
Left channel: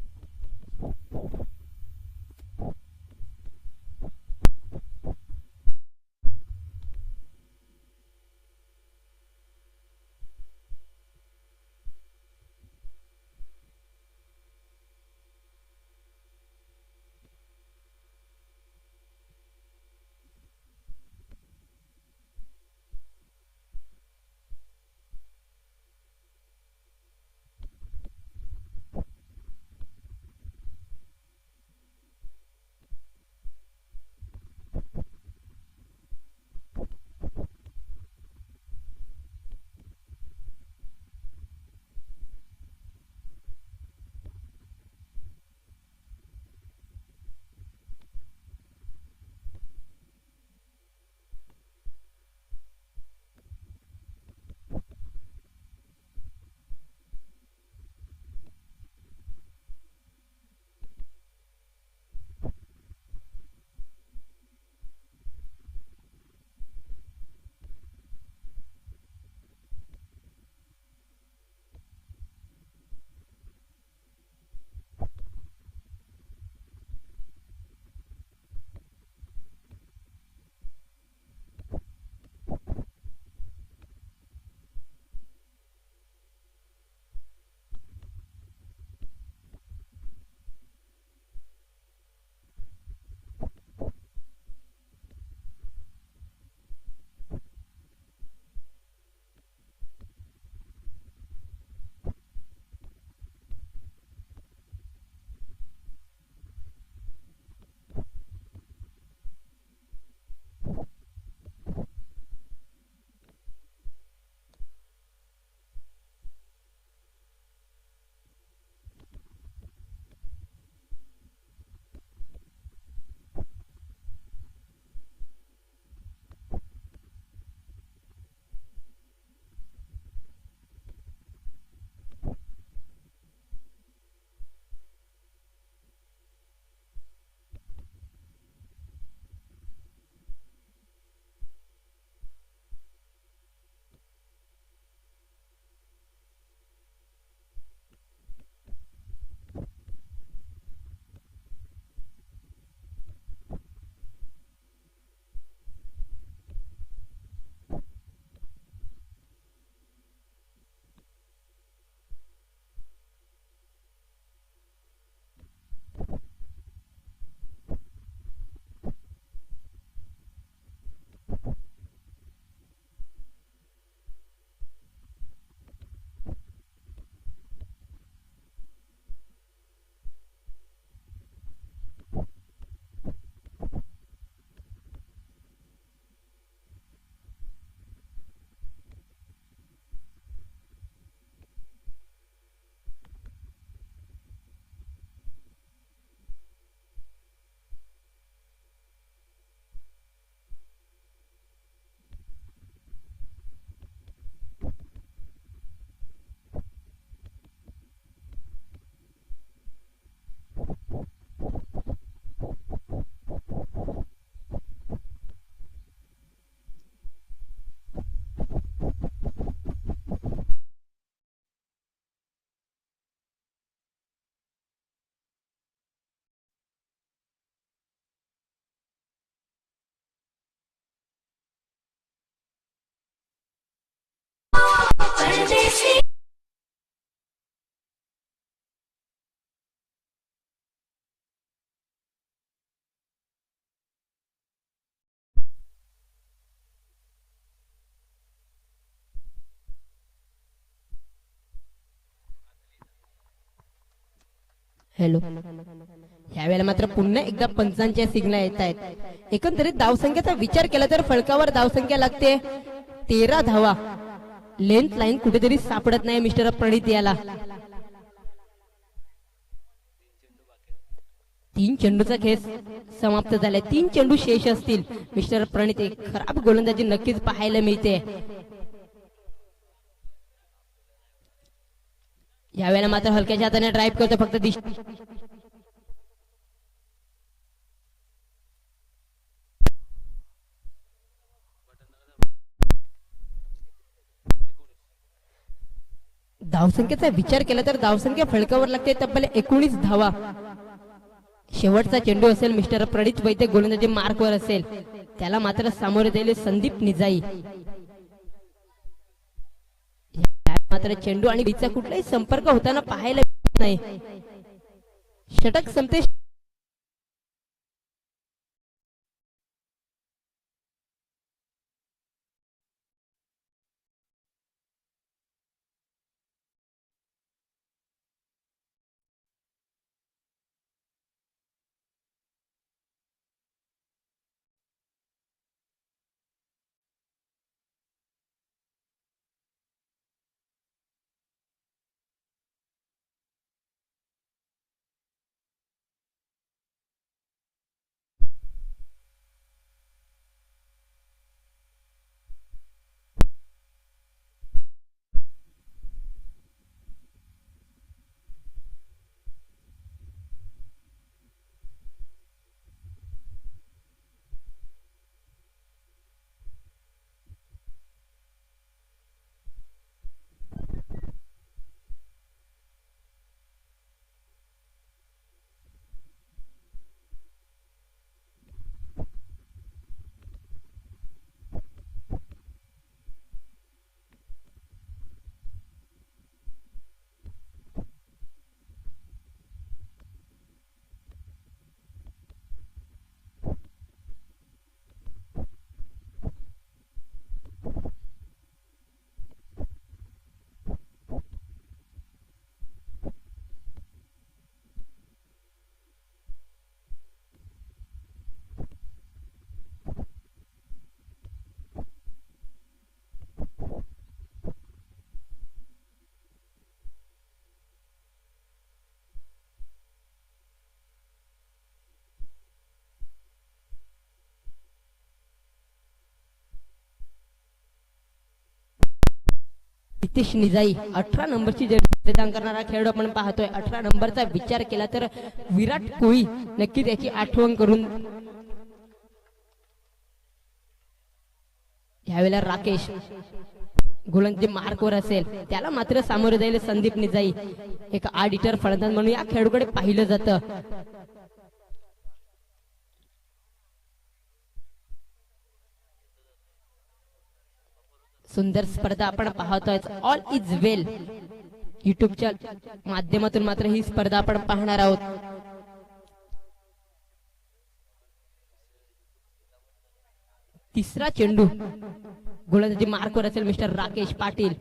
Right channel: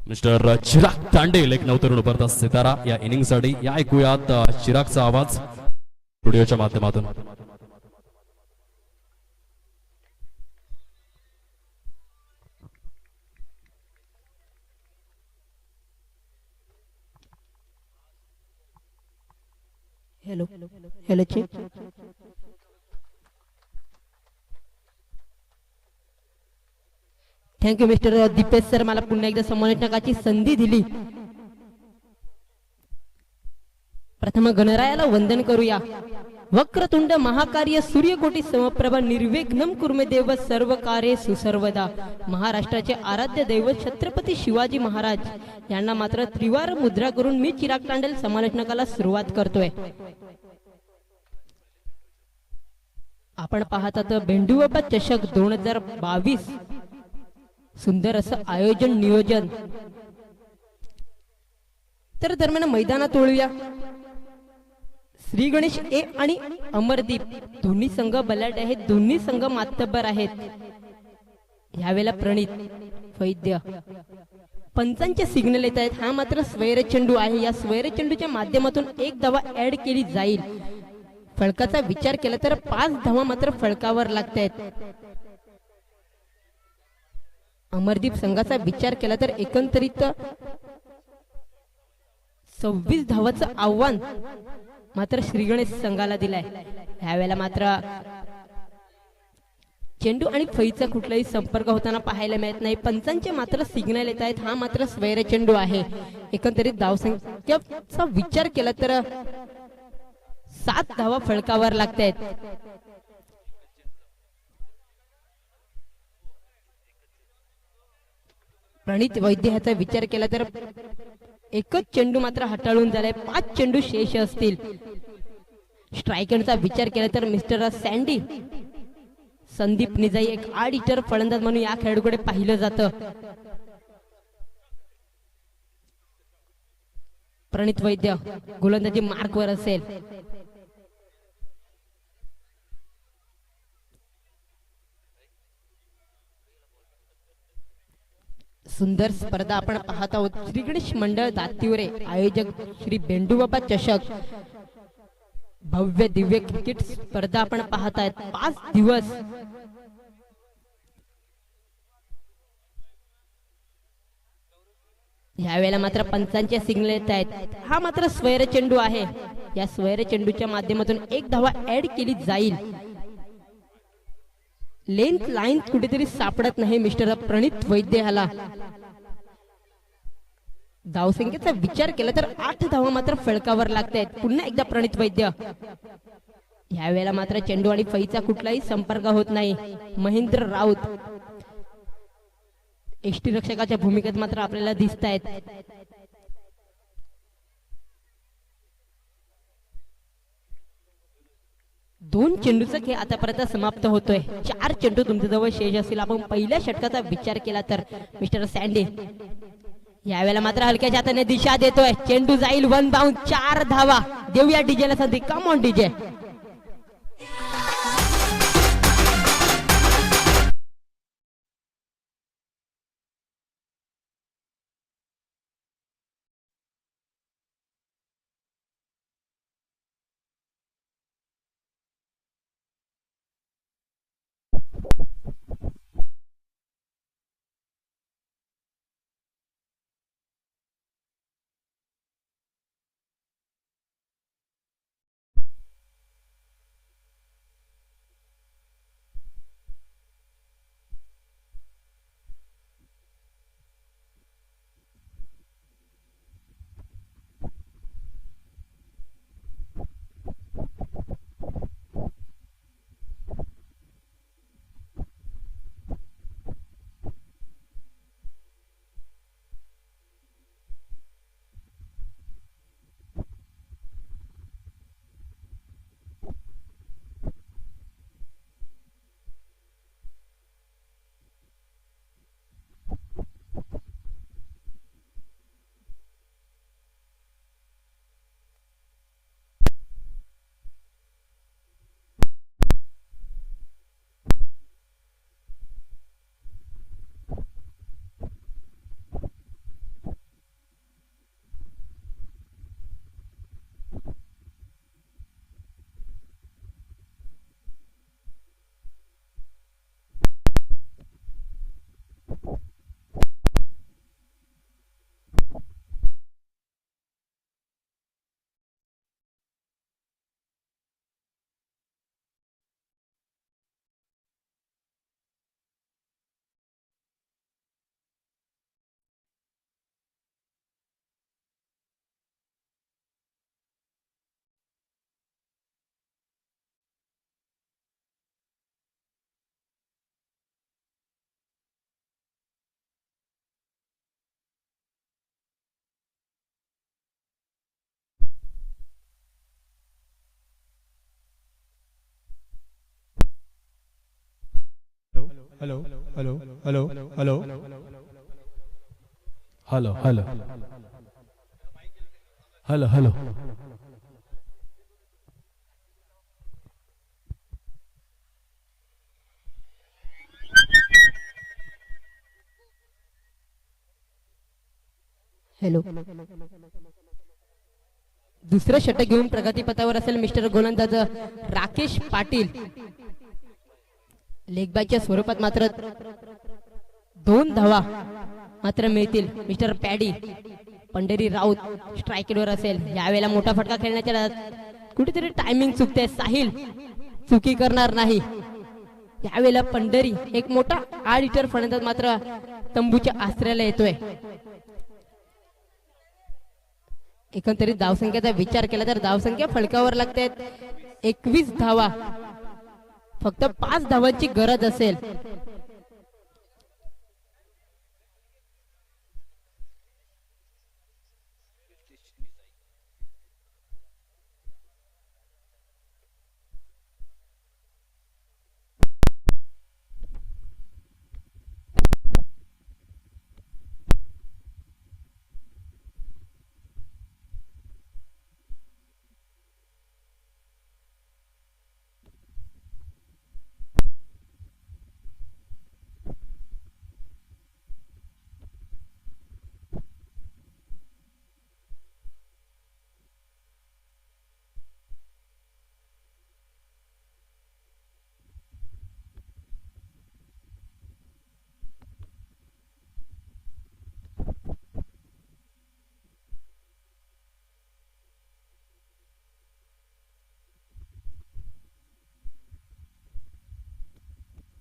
मिस्टर चिराग तांडेल एक नवतरुण उभरता सितारा या इनिंग साठी. या ऐकूयात चिरागचा आवाज स्टुडिओच्या माध्यमातून. Hello hello check. Thank you mister Deepesh sir, मला पुन्हा एकदा संमानितकाची संधी दिली. प्रथम गणरायाला वंदन करूया. वक्रतुंड महाकार्य सूर्यकोटी समप्रभ निर्विघ्नं कुर्मे देव सर्व कार्ये सुसर्वदा. महाराष्ट्राचे आराध्य दैवत छत्रपती शिवाजी महाराज यांना मात्र त्रिवार मुद्रा करून मी चिराग तांडेल समालोचनाला सुरुवात करतोय. आपण पाहतात बेंडूबाबा चषक 2022 सुंदर असं आयोजन नियोजन. तर दरम्यान मैदानात वळूया. श्री गणेश ए आणि अमरदीप दोन्ही संघ बलाढ्य आहेत. दोन्ही संघ मातब्बर आहेत. यावेळेला प्रणित वैद्य पंचांचे सिग्नल येत आहेत. हा मात्र स्वैर चेंडू आहे. या स्वैर चेंडूच्या माध्यमातून एक धावा ऍड केली जाईल. फळकाचा विचार केला तर 5 धावा मात्र फळकावर लागतायत. अमरदीप संघाचा विचार केला तर एकंदरीत 26 धावाचं आव्हान मात्र श्री गणेश संघाला दिलाय. ह्यावेळेला मात्र चेंडू आणि फळीचा कुठलाही संपर्क होताना पाहायला मिळत नाही. पंचांचे मात्र सिग्नल येत आहेत. हा मात्र स्वैर चेंडू आहे. एकंदरीत धावसंख्येचा विचार केला तर 7 धावा फळकावर लागतायत. प्रणित वैद्य ह्याचा विचार केला तर एकच चेंडू मात्र हाताळून झालाय. 5 चेंडू शेष असतील. स्ट्रायकरचा विचार केला तर मिस्टर सँडी संदीप निजाई एक आडिटर फलंदाज म्हणून या खेळाडूकडे पाहिलं जातं. प्रणित वैद्य गोलंदाजी मार्कवर असेल. सुंदर स्पर्धा आपण पाहत आहोत. श्री गणेश मंडळ दातिवरे आयोजक श्री बेंडूबाबा चषक भव्य दिव्य क्रिकेट स्पर्धा आपण पाहत आहेत. 5 दिवस यावेळेला मात्र पंचांचे सिग्नल येत आहेत. हा मात्र स्वैर चेंडू आहे. या स्वैर चेंडूच्या माध्यमातून 1 धावा ऍड केली जाईल. लेंथ लाईन कुठेतरी सापडत नाही मिस्टर प्रणित वैद्य ह्याला. धावसंख्येचा विचार केला तर 8 धावा मात्र फळकावर लागतायत. पुन्हा एकदा प्रणित वैद्य. यावेळेला मात्र चेंडू आणि फळीचा कुठलाही संपर्क होत नाही. महेंद्र राऊत एष्टी रक्षकाच्या भूमिकेत मात्र आपल्याला दिसत आहेत. दोन चेंडूचा खेळ आतापर्यंत समाप्त होतोय. 4 चेंडू तुमच्याजवळ शेष असतील. आपण पहिल्या षटकाचा विचार केला तर मिस्टर सँडी यावेळेला मात्र हलक्याच्या हाताने दिशा देतोय. चेंडू जाईल 1 बाउंड. 4 धावा. देऊया डीजेला संधी. Come on DJ. हॅलो. यावेळेला मात्र पुन्हा एकदा पंचांच्या सिग्नल येत आहेत. एकंदरीत धावसंख्येचा विचार केला तर फळकावर धावसंख्या लागते 13 धावा. लेंथ लाईन कुठेतरी सापडत नाही मिस्टर प्रणित याला. 3 चेंडूचा खेळ समाप्त झालाय. 3 चेंडू शेष असतील. मिस्टर प्रणित एक खराब गोलंदाजी नक्कीच पाहायला मिळते. यावेळेला मात्र हलक्याच्या हाताने ड्राईव्ह करतो. फक्त धावसंख्येचा विचार केला तर धावसंख्या फळकावर लागते तब्बल 19 धावा. शेवटचा चेंडू असेल मिस्टर प्रणित वैद्य गोलंदाजी मार्कवर असेल. त्याला मात्र सामोरे दिले संदीप निजाई. मात्र चेंडू आणि बीचा कुठलाही संपर्क होताना पाहायला मिळत नाही. षटक संपते. Hello hello hello hello hello hello hello hello hello. दुसरं षटक घेऊन प्रगतीपथावर असेल मिस्टर गोलंदाज राकेश पाटील. लेगबायच्या स्वरूपात मात्र 2 धावा मात्र मिळतील. मिस्टर पॅडी पंढरी राऊत स्ट्रायकेटवर असेल. यावेळेला मोठा फटका खेळण्याच्या नादात कुठेतरी टायमिंग चुकते. साहिल चुकी करणार नाही. यावेळेला पंढरी एक मोठा 8 मीटर फलंदाज मात्र तंबूच्या आश्रयाला येतोय. एकंदरीत धावसंख्येचा विचार केला तर धावसंख्या फलकावर लागते 21 धावा. फक्त 5 धावांची गरज असेल. नितीश निजाई 18 नंबरची जर्सी परिधान करणारा खेळाडू आपण पाहतोय. 18 नंबरचा विचार केला तर विराट कोहली नक्कीच याची आठवण करून. यावेळेला राकेश गोलंदाजी मार्कवर असेल. त्याला मात्र सामोरे जाईल संदीप निजाई. एक 8 मीटर फलंदाज म्हणून या खेळाडूकडे पाहिलं जातं. सुंदर स्पर्धा आपण पाहतोय. ऑल इज वेल युट्यूबच्या माध्यमातून मात्र ही स्पर्धा आपण पाहणार आहोत. तिसरा चेंडू गोलंदाजी मार्कवर असेल मिस्टर राकेश पाटील.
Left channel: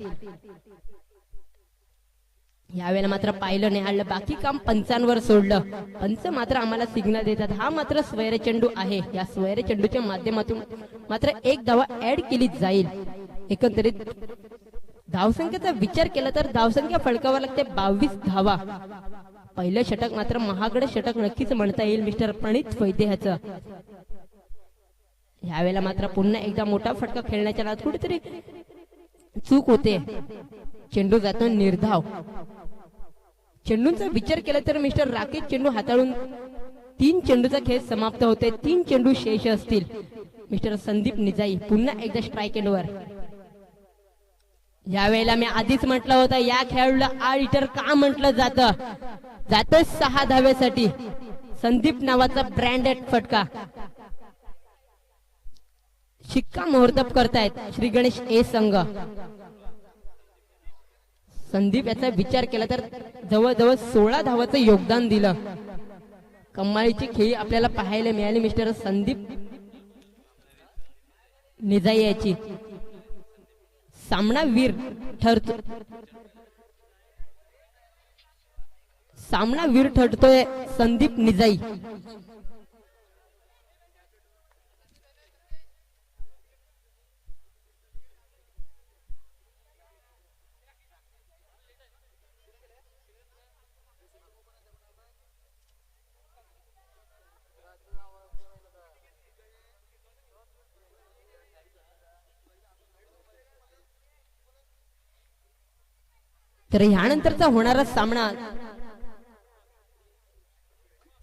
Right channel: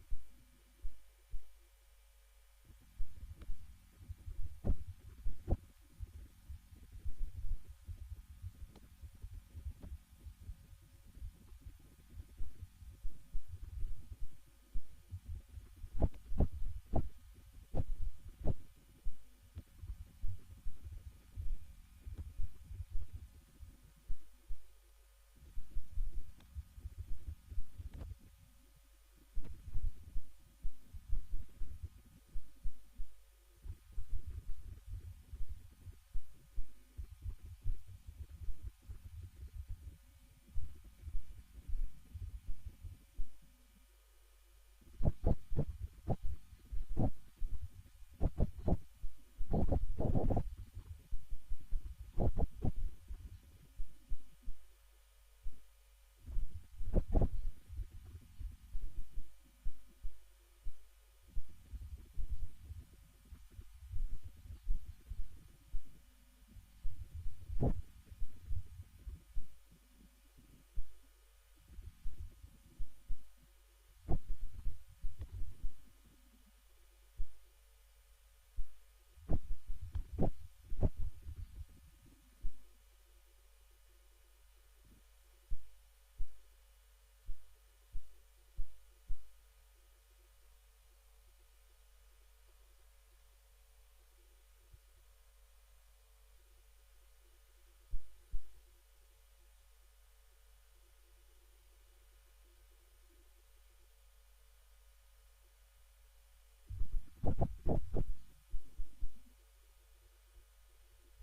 यावेळेला मात्र पाहिलं निहाळलं बाकी काम पंचांवर सोडलं. पंच मात्र आम्हाला सिग्नल देतात. हा मात्र स्वैर चेंडू आहे. या स्वैर चेंडूच्या माध्यमातून मात्र एक धावा ऍड केली जाईल. एकंदरीत धावसंख्येचा विचार केला तर धावसंख्या फलकावर लागते 22 धावा. पहिलं षटक मात्र महागडे षटक नक्कीच म्हणता येईल मिस्टर प्रणित वैद्याचं. यावेळेला मात्र पुन्हा एकदा मोठा फटका खेळण्याच्या नादात कुठेतरी चूक होते. चेंडू जातो निर्धाव. चेंडूंचा विचार केला तर मिस्टर राकेश चेंडू हाताळून 3 चेंडूचा खेळ समाप्त होते. 3 चेंडू शेष असतील. मिस्टर संदीप निजाई पुन्हा एकदा स्ट्राईक एंडवर. यावेळेला मी आधीच म्हटलं होतं या खेळाडूला 8 मीटर का म्हटलं जातं. जातोय 6 धाव्यासाठी. संदीप नावाचा ब्रँडेड फटका. शिक्का मुहूर्तब करतायत श्री गणेश ए संघ. संदीप याचा विचार केला तर जवळजवळ 16 धावाचं योगदान दिलं. कमालीची खेळी आपल्याला पाहायला मिळाली मिस्टर संदीप निजाई याची. सामनावीर ठरतो. सामनावीर ठरतोय संदीप निजाई. तर यानंतरचा होणारा सामना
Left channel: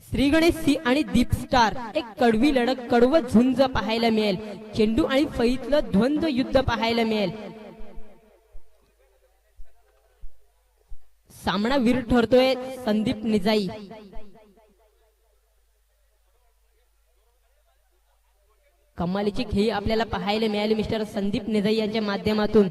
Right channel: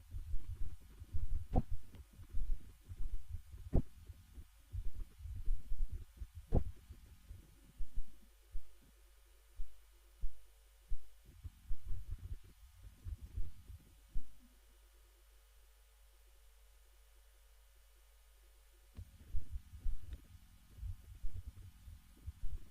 श्री गणेश सी आणि दीप स्टार. एक कडवी लढत कडवं झुंज पाहायला मिळेल. चेंडू आणि फळीतलं द्वंद्व युद्ध पाहायला मिळेल. सामनावीर ठरतोय संदीप निजाई. कमालीची खेळी आपल्याला पाहायला मिळाली मिस्टर संदीप निजाई यांच्या माध्यमातून.